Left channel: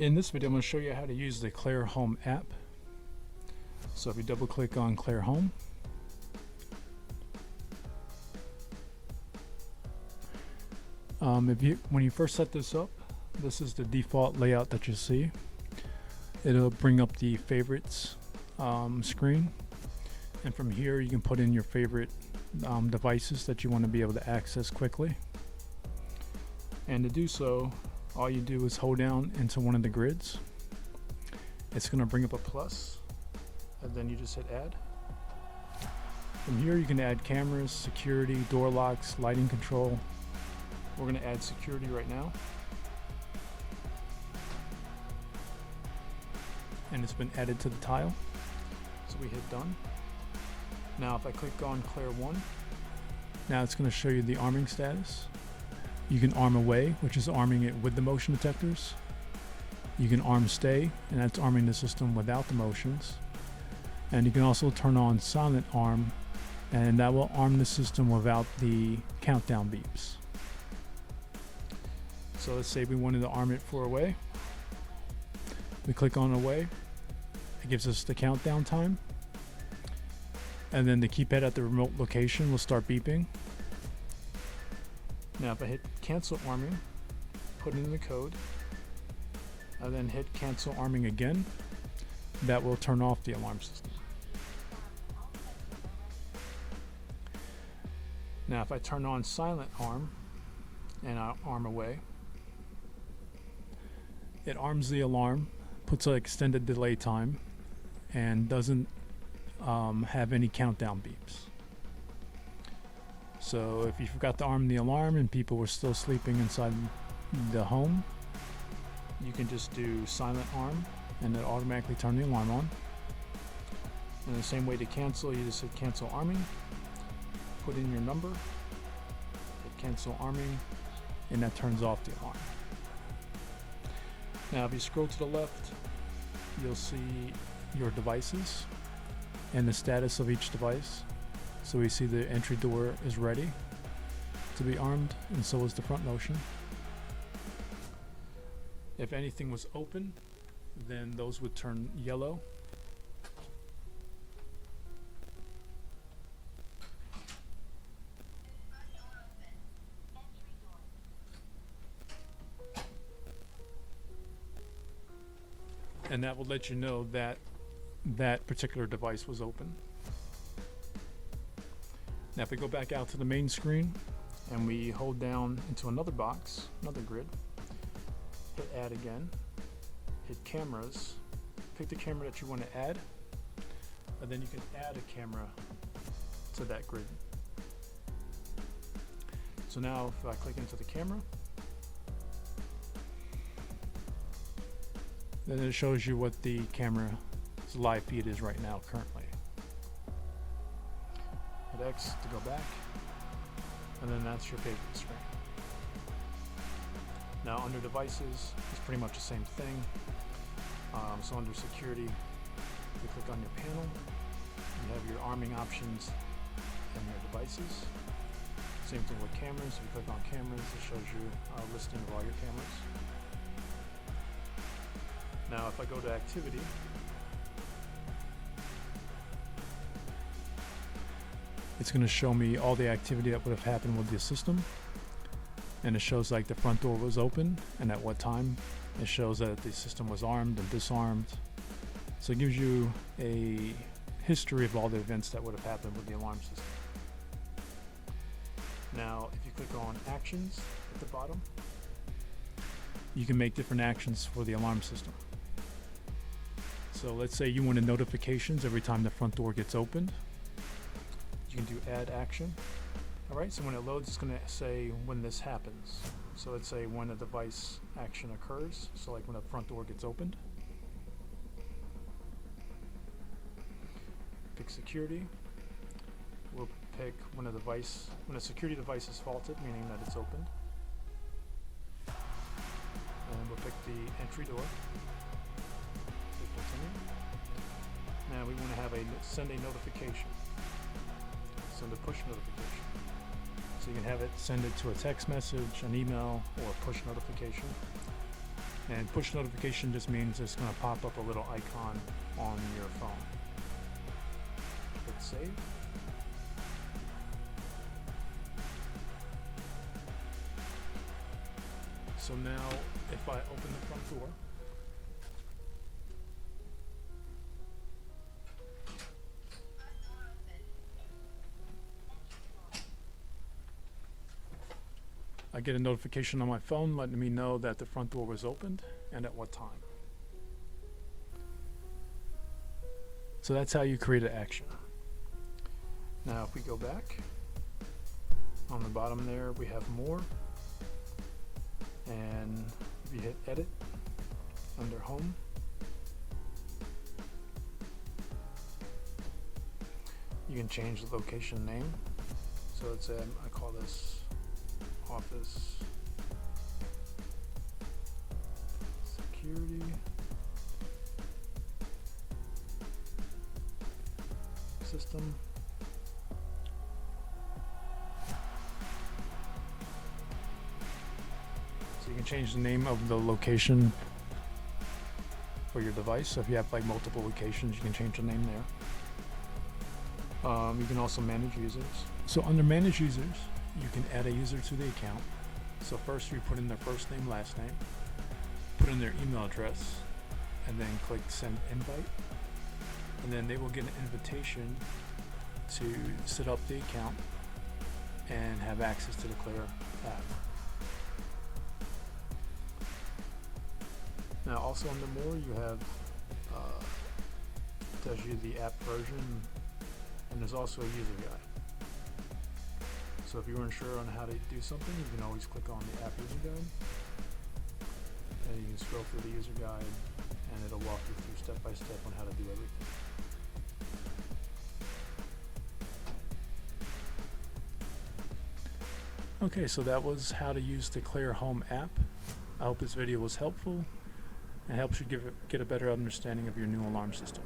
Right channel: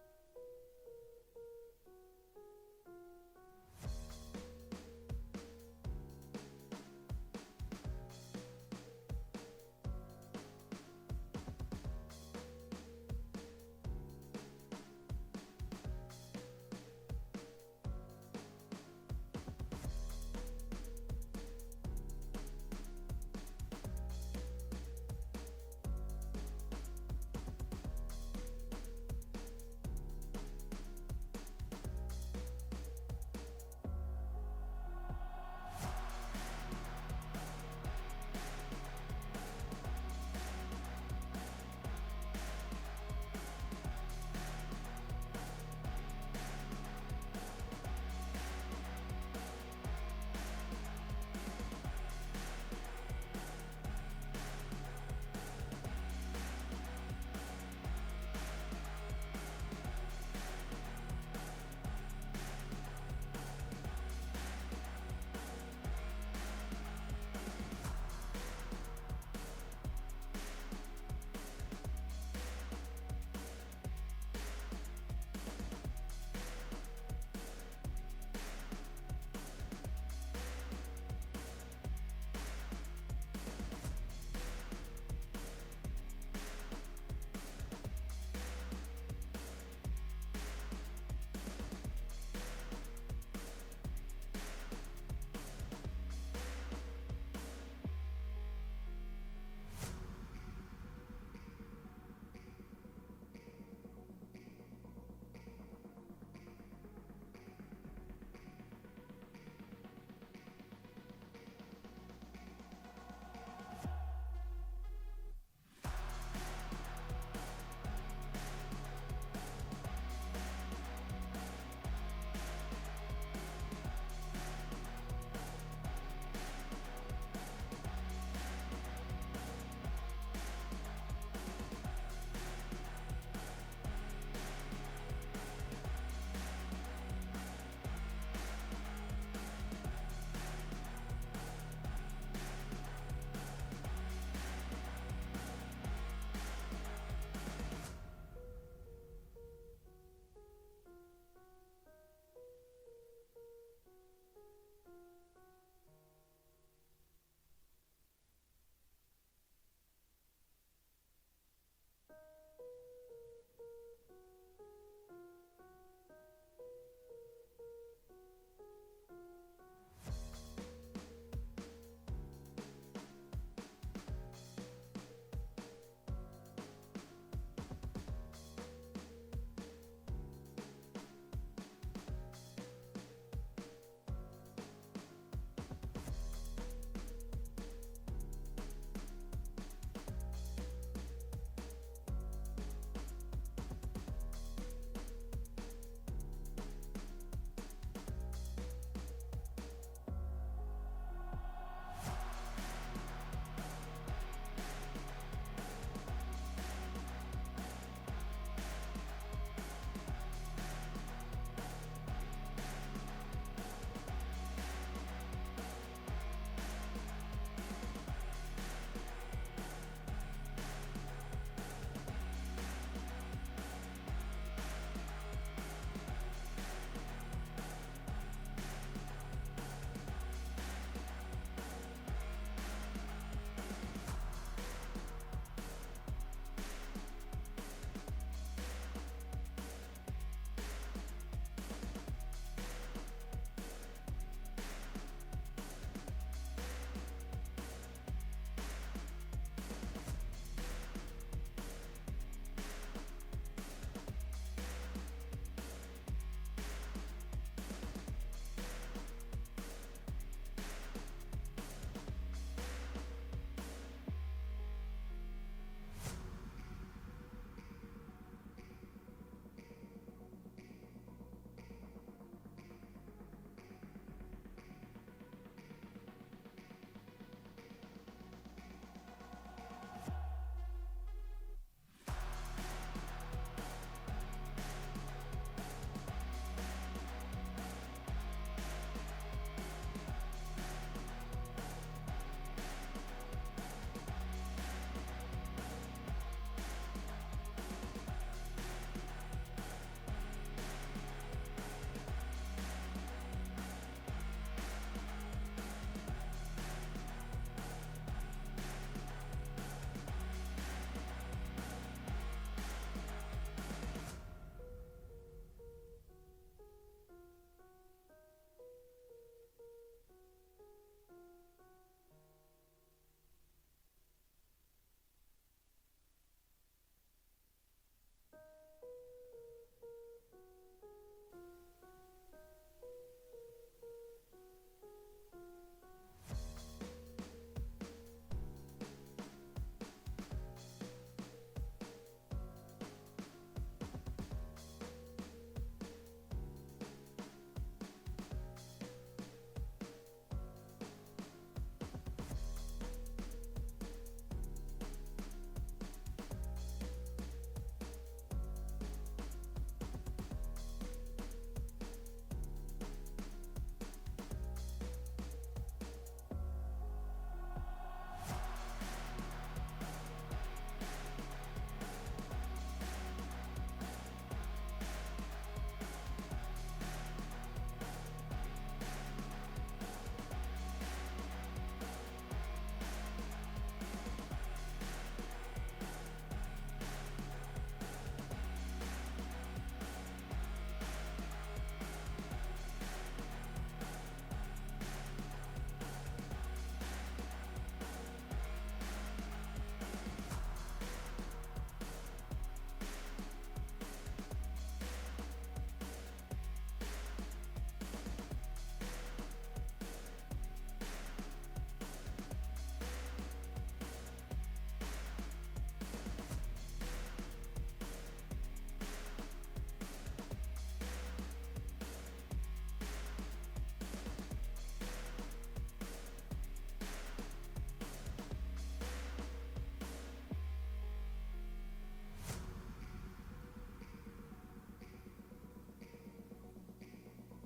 In this video, I'm going to show you how to use the Clare Home app. So if you double click on Clare Home, when you first set this up, this is the default layout that you see. It'll bring up the favorites screen, and from here you can put in your favorite devices that you want to be able to access quickly. And to do so, all you do is hold down into one of the grids. It's going to bring up a plus, and then you just hit add. From here you can add cameras, security, door locks, lighting control. We're going to add security right now. And it's been added to the tile. So we hit done. Now if I click on Clare 1, now it's going to show you the arming status. You can arm away, which is arming it with the motion detectors. You can arm stay, and that's arming the system without the motions. And you can also turn on silent arm, and that will arm the system without the countdown beeps. So let's say we wanted to arm it for away. We click on away. It gives us the countdown time. And then the keypad at the remote location will start beeping. Now if I hit cancel arming, put in the code, and then hit cancel arming again, that will turn off the alarm system. Now if I turn on silent arm and I arm away, it arms the alarm, puts an extended delay time, and doesn't have any countdown beeps. So if you forgot to arm the alarm and people were still sleeping inside the home, you can just do silent arm and it'll automatically turn the alarm on. And the same way to cancel, you just hit cancel arming, put in your number, hit cancel arming, and that turns off the alarm. Now if you scroll to the left, you'll see your devices and the status of each device. So we see the entry door is ready to be armed, and so is the front motion. If anything was open, then those would turn yellow. And that will let you know that that particular device was open. Now if we go back out to the main screen and we hold down into another box, another grid, hit add again, hit cameras, pick the camera that you want to add, and then you can add a camera to that grid. So now if I click into the camera, then it shows you what the camera's live feed is right now currently. Hit X to go back, and then that's your favorite screen. Now under devices, it's pretty much the same thing. So under security, you click on your panel, you have your arming options in your devices. Same thing with cameras. If you click on cameras, it shows you a listing of all your cameras. Now if I go to activity, it's going to show me all the activity that would have happened with the system, and it shows like the front door was open and at what time. It shows that the system was armed and disarmed, so it gives you a history of all the events that would have happened with the alarm system. Now if you click on actions at the bottom, you can make different actions for the alarm system. So let's say you wanted notifications every time the front door gets opened. You can do add action. Alright, so when it loads, it's going to say when this happens. So let's say when a device action occurs, so like when the front door gets opened. Pick security. We'll pick when a security device is faulted, meaning that it's opened. And then we'll pick the entry door. Now we want to have send a notification. Send a push notification. So you can have it send it to a text message, an email, or a push notification. And push notification just means it's going to pop up a little icon on your phone. Click save. So now if I open the front door, I get a notification on my phone letting me know that the front door was opened and at what time. So that's how you create an action. Now if we go back, on the bottom there we have more, and if you hit edit under home, you can change the location name. So it's I call this office security system. So you can change the name of the location for your device. So if you have like multiple locations, you can change the name there. You can also manage users. So under manage users, you can add a user to the account. So first you put in their first name, last name, put in their email address, and then click send invite. And then they will get an invitation to set up the account and have access to the Clare app. Now also under more, you have tells you the app version, and there's also a user guide. So if you weren't sure on how to do something, you can always click on the app user guide, and you can scroll through the user guide, and it'll walk you through step by step on how to do everything. Okay, so that was how to use the Clare Home app. I hope this video was helpful and helps you get a better understanding of your new alarm system.